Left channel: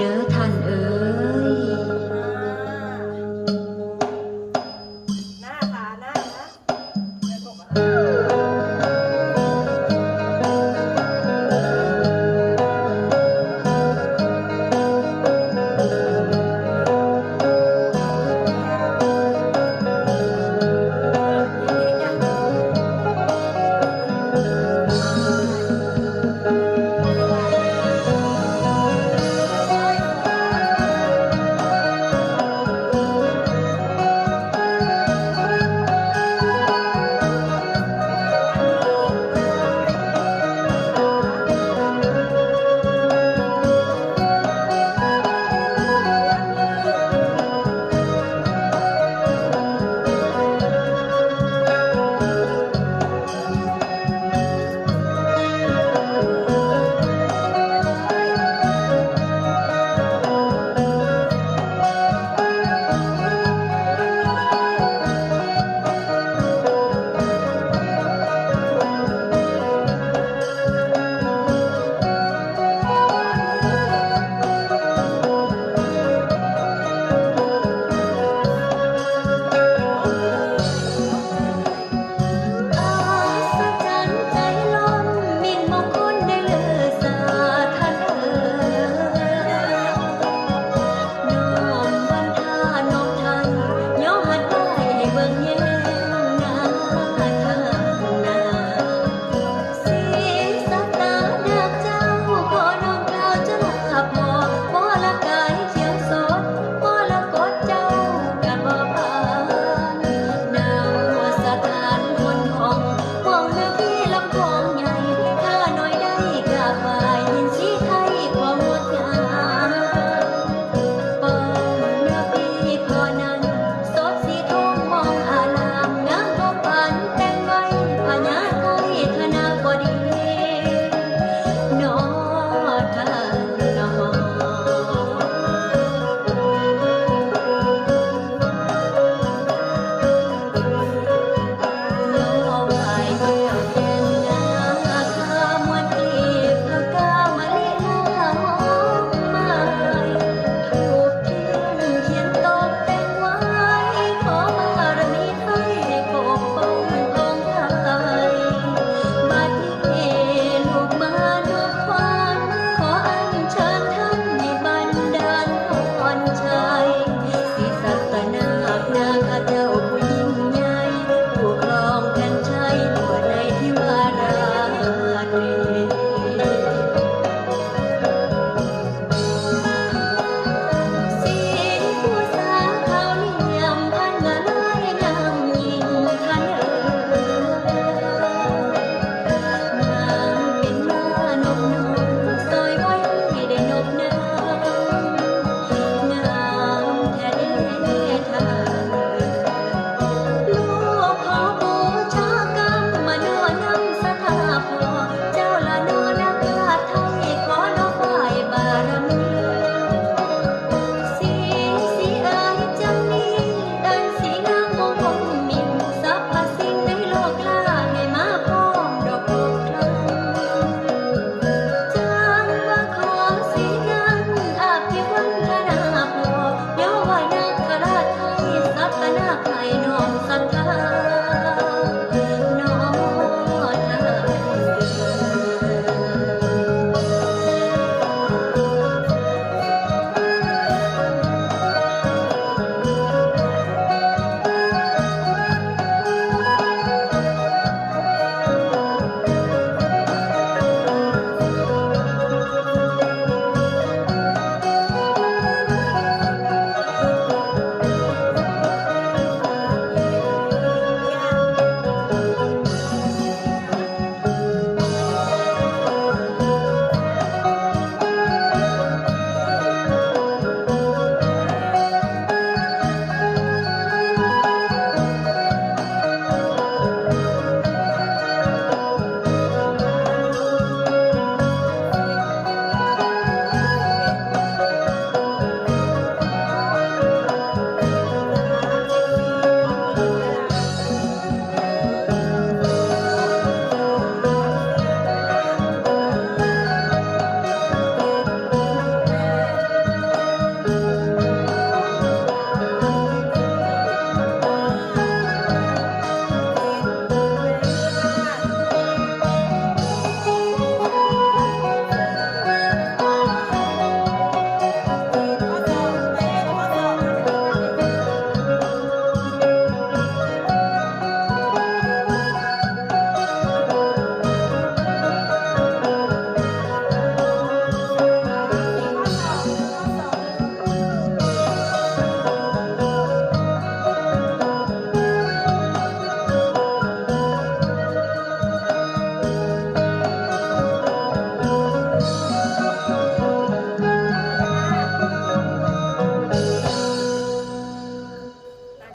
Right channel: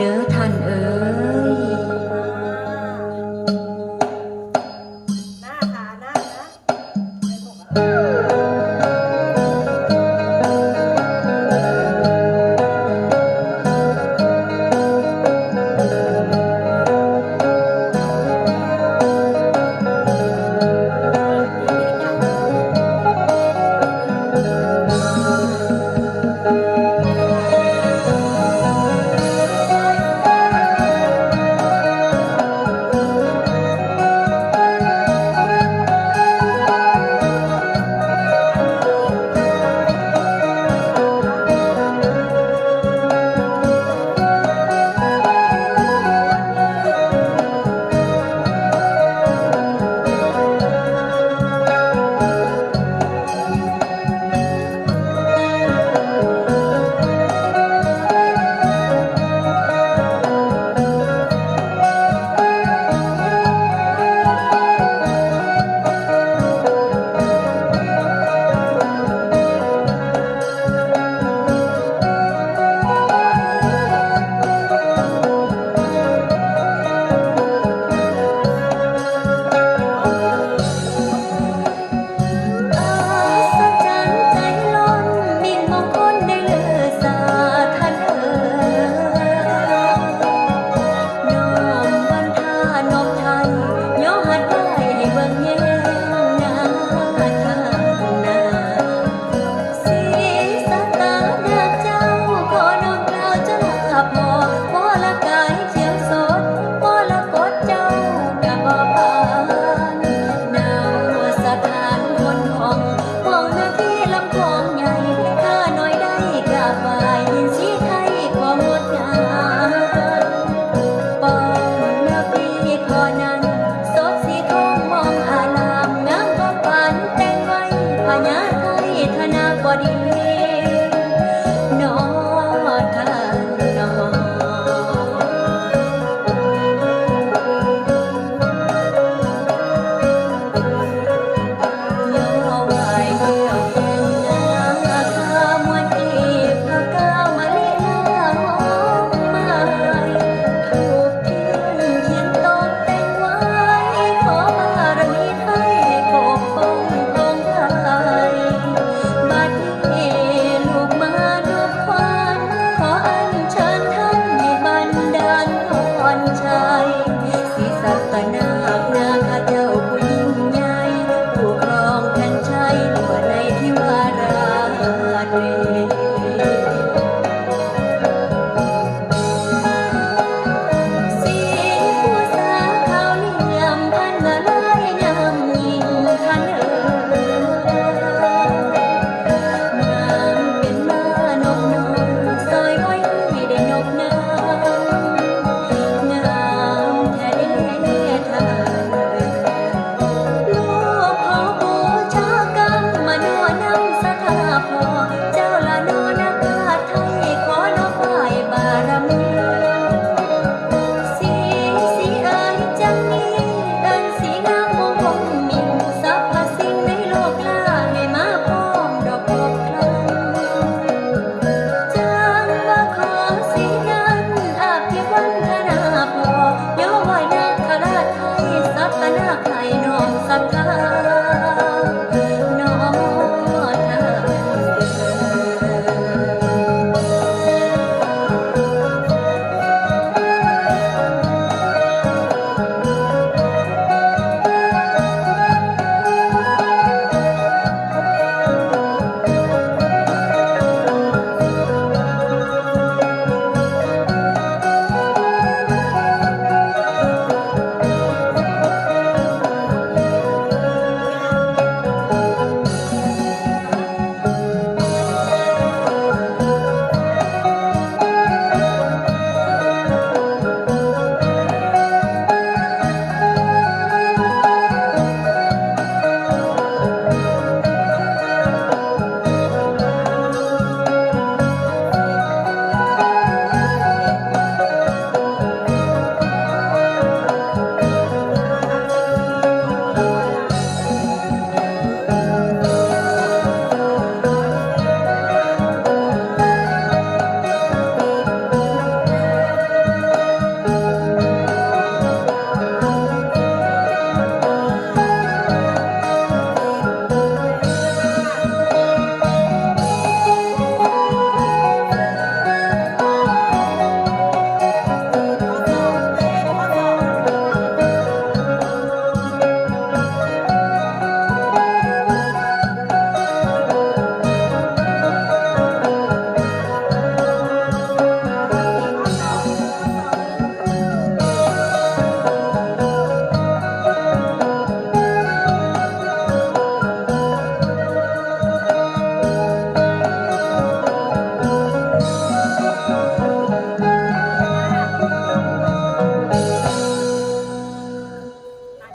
流淌